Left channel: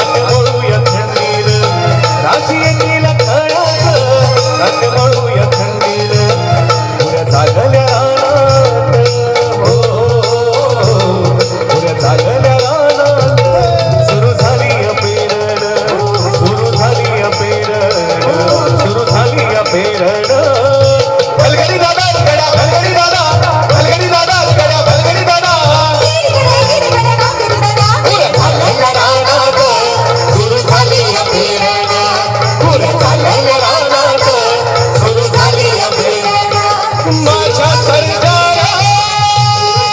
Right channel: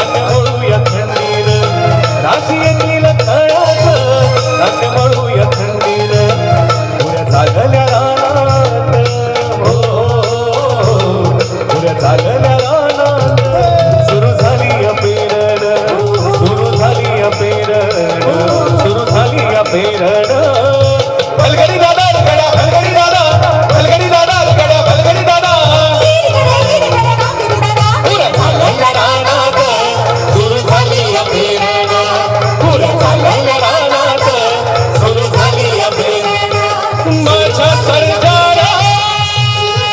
Amor